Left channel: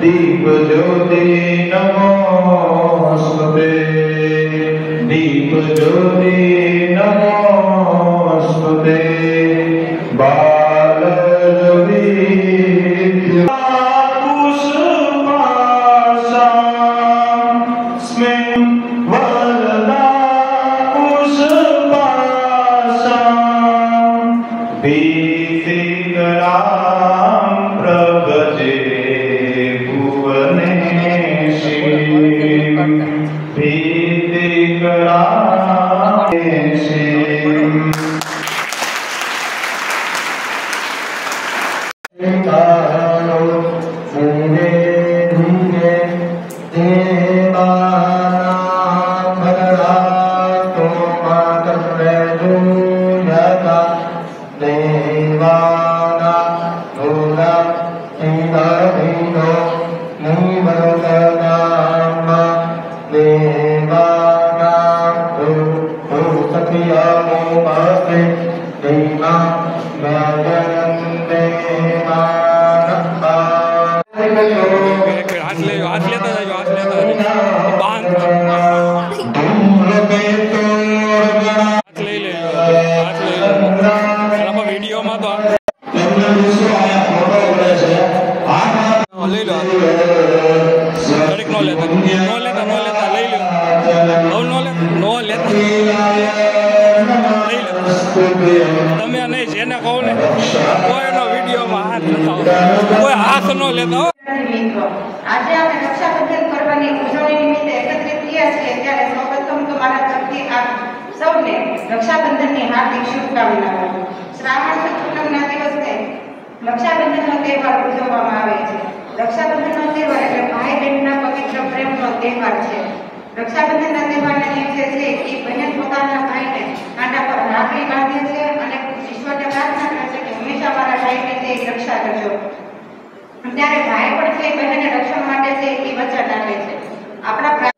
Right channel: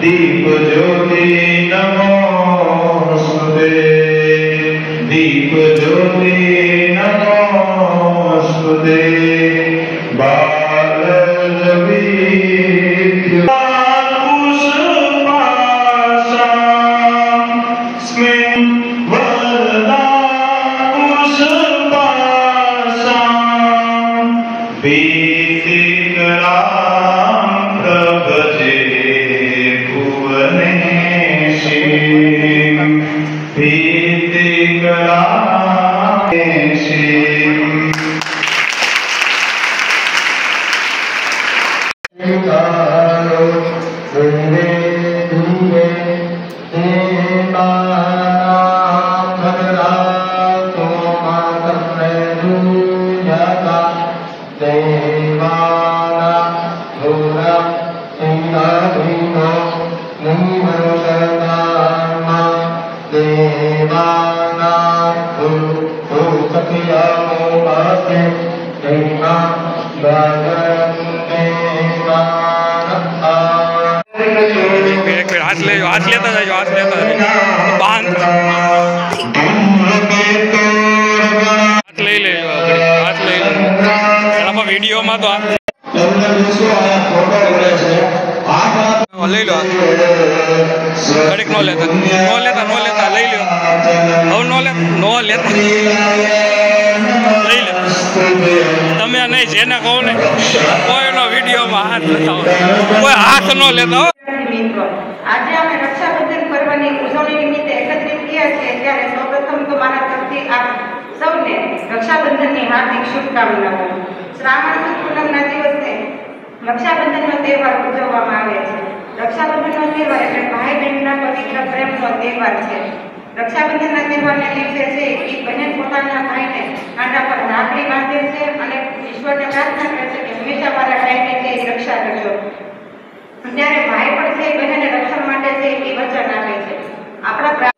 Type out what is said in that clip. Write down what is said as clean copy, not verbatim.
दीप ज्योति नमोस्तुते दीप ज्योति नमोस्तुते हाथ ले हाथ लेता जाओ हाथ लेता बांध हाथ ले ले हाथ ले ले वीडियो में तो ले लो घड़ीक नो लेता ले लो હવે નો લેતા લઈ લે તમે નહીં જેને કહો ને કોઈનો વિડીયોમાં હાથ લગાવો કોઈ હાથ ન લેતા હો। આજે આપણે રક્ષાબંધન પર્વની ઉજવણી નિમિત્તે એકત્રિત થયા છીએ ત્યારે સૌપ્રથમ તો મારા તરફથી આપ સૌને રક્ષાબંધનની હાર્દિક શુભકામનાઓ। શ્રાવણ સુદ પૂનમના દિવસે રક્ષાબંધનનો તહેવાર ઉજવવામાં આવે છે। રક્ષાબંધનનો તહેવાર એટલે ભાઈ બહેનના પવિત્ર પ્રેમનો તહેવાર છે। રક્ષાબંધનના તહેવારના દિવસે છે એ બહેન પોતાના ભાઈને કાંડા પર રાખડી બાંધે છે અને ઈશ્વરને પ્રાર્થના કરે છે કે હંમેશા મારા ભાઈને છે એ રક્ષા કરજો। ત્યારે ભાઈ પણ છે બહેનને રક્ષણ માટે છે એ વચન આપે છે। આપણા